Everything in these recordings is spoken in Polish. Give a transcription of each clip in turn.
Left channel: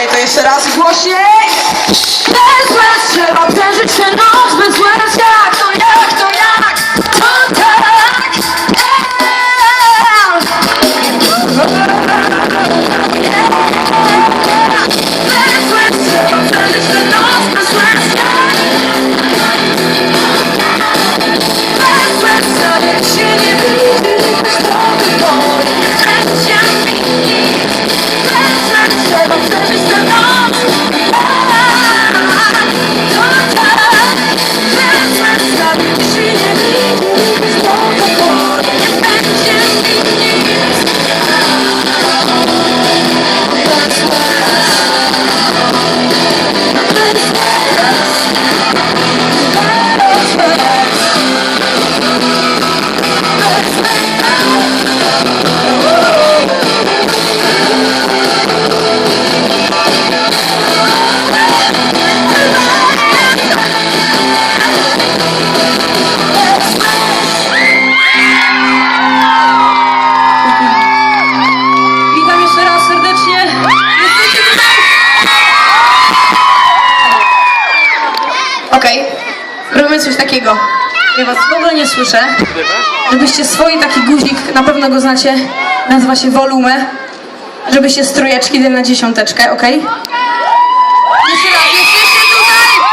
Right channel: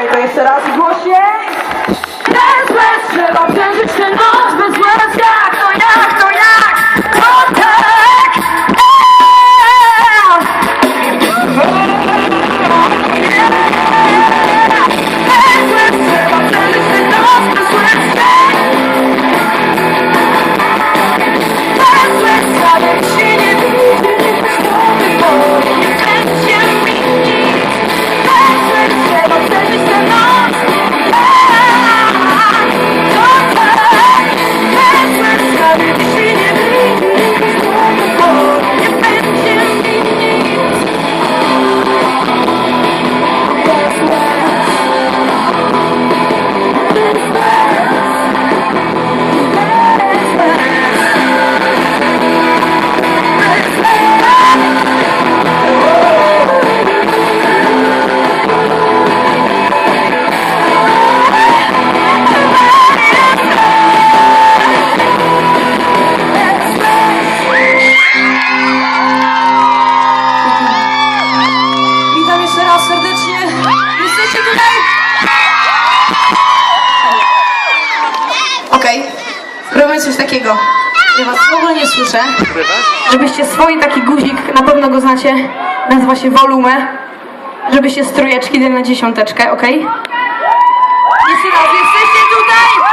Okej, okay, to jeszcze raz głośniej. Okej. Robimy coś takiego. Ja was w ogóle nie słyszę. Żebyście swój taki guzik, na pewno go znacie, nazywa się wolumę. Żebyście strojeczki dali na dziesiąteczkę, okej? Jeszcze raz, jesteście tutaj!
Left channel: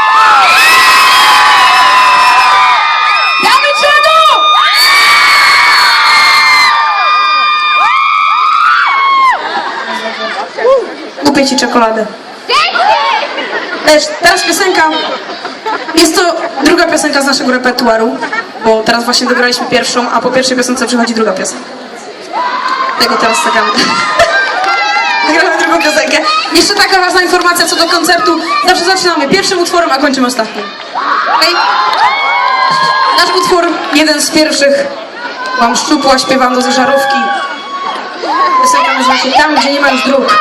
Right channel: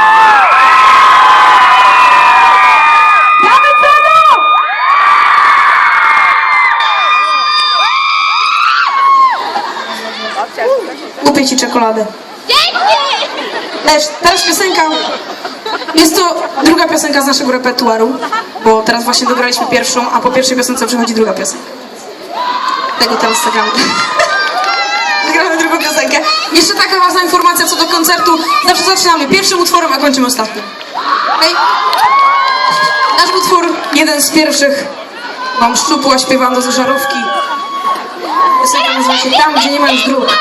Damy czadu! Kupię ci czekoladę. Lecz teraz piosenka. Jest to druga piosenka z naszego repertuaru, bo teraz właśnie dograliśmy pierwszą, a po pierwszej piosence przychodzi druga piosenka. Tego teraz zagramy. Zagramy drugą piosenkę. Jeszcze taka ważna informacja co do koncertu. Zawsze zaczynamy pierwszym utworem, a kończymy ostatnim. Okej? Nasz utwór, jeden z pierwszych. Mam szczupła, śpiewam do zeżarówki. Piosenka nazywa się Tam, gdzie nie ma już dróg.